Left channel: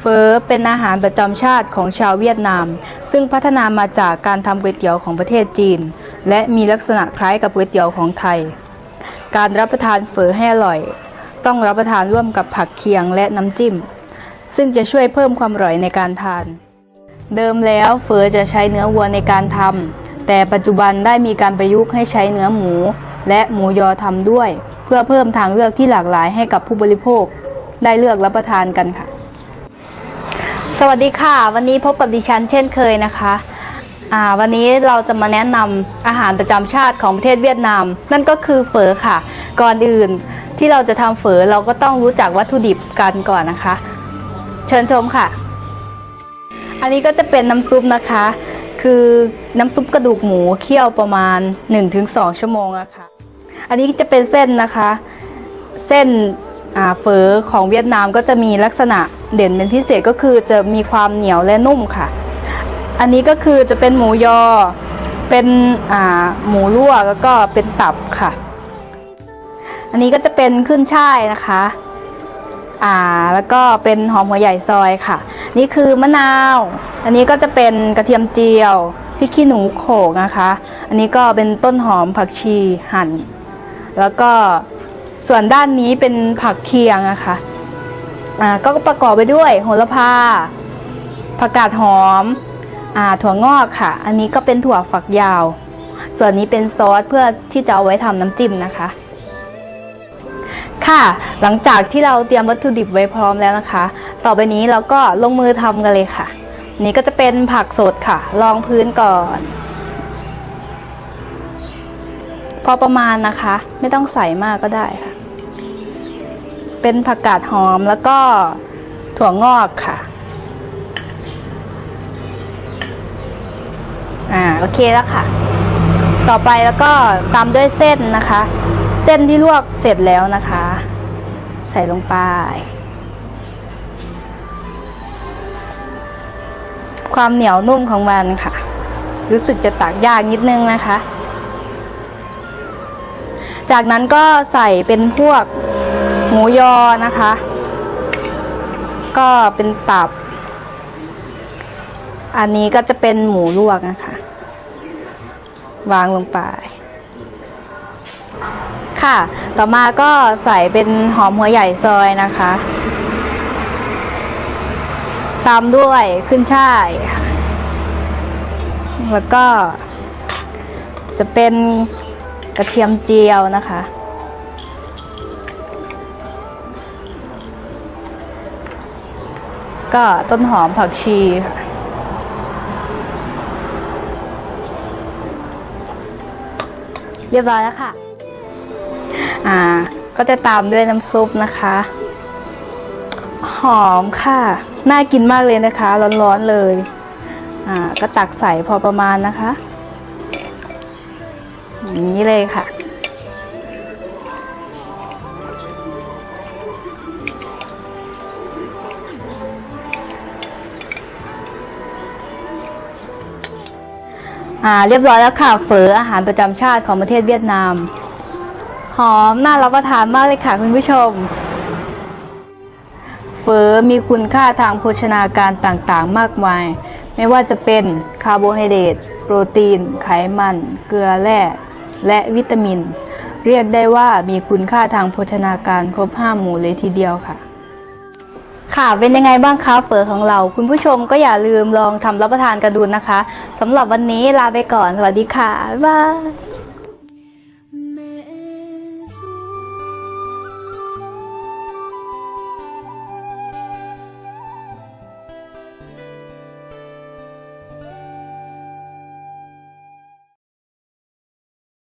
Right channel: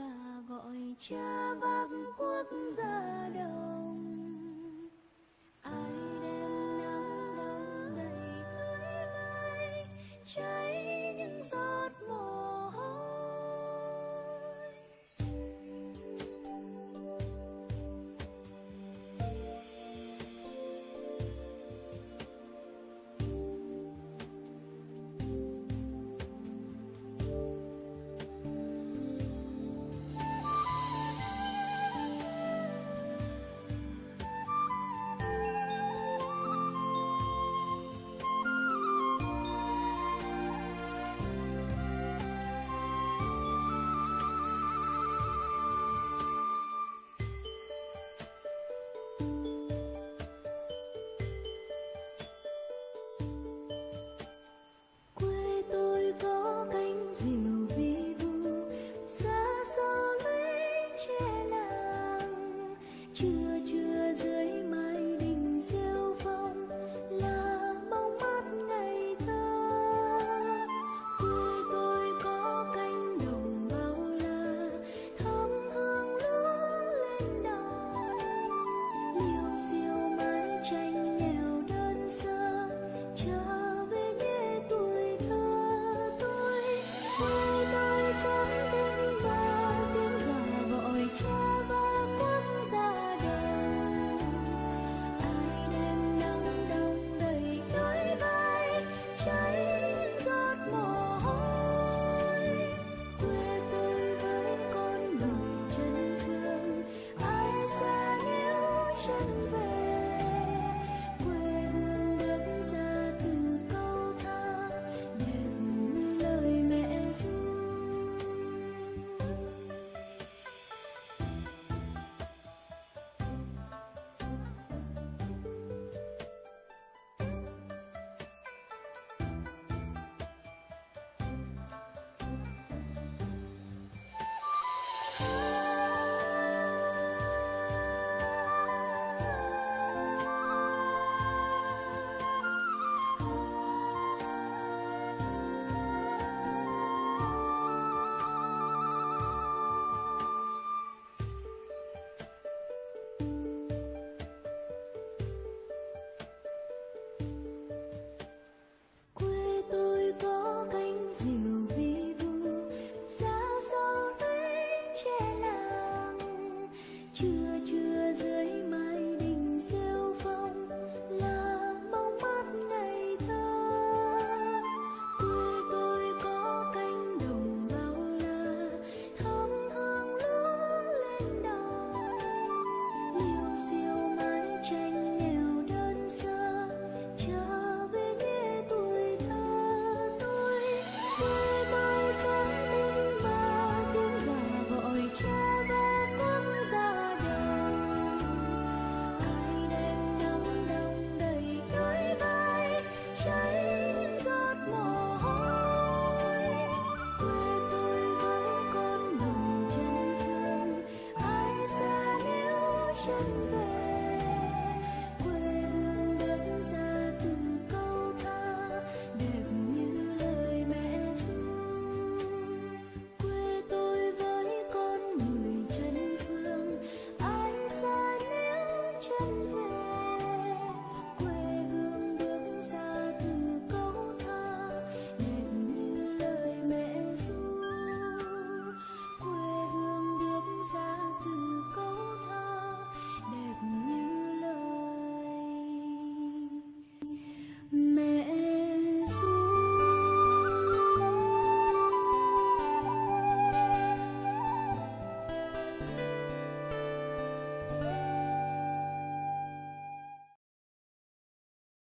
เฟอเป็นอาหารประจำชาติของชาวเวียดนาม ซึ่งพัฒนามาจากการทำก๋วยเตี๋ยวของประเทศจีน และมีลักษณะคล้ายกับก๋วยเตี๋ยวของไทย การรับประทานเฟอให้อร่อย ต้องรับประทานร่วมกับผักเคียงและน้ำจิ้ม ซึ่งจะช่วยเพิ่มความอร่อยในการทาน เดิมแล้วเฟอจะใช้เนื้อวัวในการทำแต่ปัจจุบันได้มีการประยุกต์ให้ใช้เนื้อหมู และหมูยอทำด้วย เพื่อเพิ่มทางเลือกที่หลากหลายให้กับผู้บริโภค ได้เลือกรับประทานกันค่ะ สวัสดีค่ะ วันนี้พบกับดิฉันเช่นเคยนะคะวันนี้เราจะมาแนะนำอาหารประจำชาติของประเทศเวียดนาม นั่นก็คือเฝอค่ะ ก่อนอื่นที่เราจะทำเฝอเราก็ต้องรู้จักวัตถุดิบกันก่อนนะคะ เชิญชมค่ะ อันนี้ก็จะเป็นน้ำซุปนะคะ คือน้ำซุปกระดูกหมูเคี่ยวประมาณ 1-2 ชั่วโมงอะค่ะ อันนี้จะเป็นเส้นนะคะ เส้น เฝอของเวียดนามก็จะมีลักษณะเด่นเป็นพิเศษก็คือจะมีความเหนียวและนุ่มค่ะ อันนี้ก็คือจะเป็นหมูยอ เป็นหมูลวกแล้วก็เป็นตับค่ะ อันนี้ก็จะเป็นขึ้นช่ายนะคะอ่าแล้วก็เป็นหอมหัวใหญ่ซอยค่ะ นี่คือมะนาว อันนี้ก็จะเป็นกระเทียมเจียวพริกขี้หนูโขลกนะคะ อันนี้ก็เป็นต้นหอมผักชีหั่น แล้วก็ ส่วนด้านนี้เป็นผักเคียงนะคะอ่าก็ประกอบไปด้วยโหระพา ผักกาดหอมอ่าถั่วงอกค่ะ อันนี้ก็เป็นถั่วฝักยาว ส่วนนี้เป็นซอสเพื่อที่จะเอาไว้ทำน้ำจิ้มนะคะ ค่ะ หลังจากที่เราเตรียมวัตถุดิบไว้พร้อมแล้วนะคะ ต่อไปนี้เราก็ลงมือทำกันเลยค่ะ นี่ก็จะเป็นผักสดค่ะรองพื้นก่อน อประมาณนะคะ ไม่ต้องใส่มากก็ได้ค่ะ เป็นผักกาดหอมแล้วก็ถั่วงอกค่ะ อ่าโอเคแล้วค่ะ ต่อไปแล้วก็ตามด้วยเส้นนะคะ เส้นที่ลวกเสร็จแล้วนะคะ ใส่ลงไป ความเหนียวนุ่มของมันค่ะ รู้สึกจะตักยากนิดนึงนะคะ จากนั้นก็ใส่เป็นพวกหมูยอนะคะ ก็เป็นตับ อันนี้ก็จะเป็นหมูลวกนะคะ วางลงไป ค่ะ ต่อมาก็ใส่เป็นหอมหัวใหญ่ซอยนะคะ ตามด้วยขึ้นช่ายแล้วก็จะเป็น กระเทียมเจียวนะคะ ก็ต้นหอมผักชีเรียบร้อยแล้วค่ะ อ่า ก็จะตามด้วยน้ำซุปนะคะ หอมค่ะ น่ากินมากเลยนะคะ ร้อนๆเลย อ่า ก็ตักใส่พอประมาณนะคะ อย่างนี้เลยค่ะอ่าเรียบร้อยแล้วค่ะเฝออาหารประจำชาติของประเทศเวียดนาม หอมน่ารับประทานมากเลยค่ะคุณผู้ชมเฟอมีคุณค่าทางโภชนาการต่างๆ มากมาย ไม่ว่าจะเป็นคาร์โบไฮเดรต โปรตีน ไขมัน เกลือแร่ และวิตามิน เรียกได้ว่ามีคุณค่าทางโภชนาการครบห้าหมู่เลยทีเดียวค่ะ ค่ะเป็นยังไงบ้างคะเฝอของเรา คุณผู้ชมก็อย่าลืมลองทำรับประทานกันดูนะคะสำหรับวันนี้ลาไปก่อน สวัสดีค่ะ บ๊ายบาย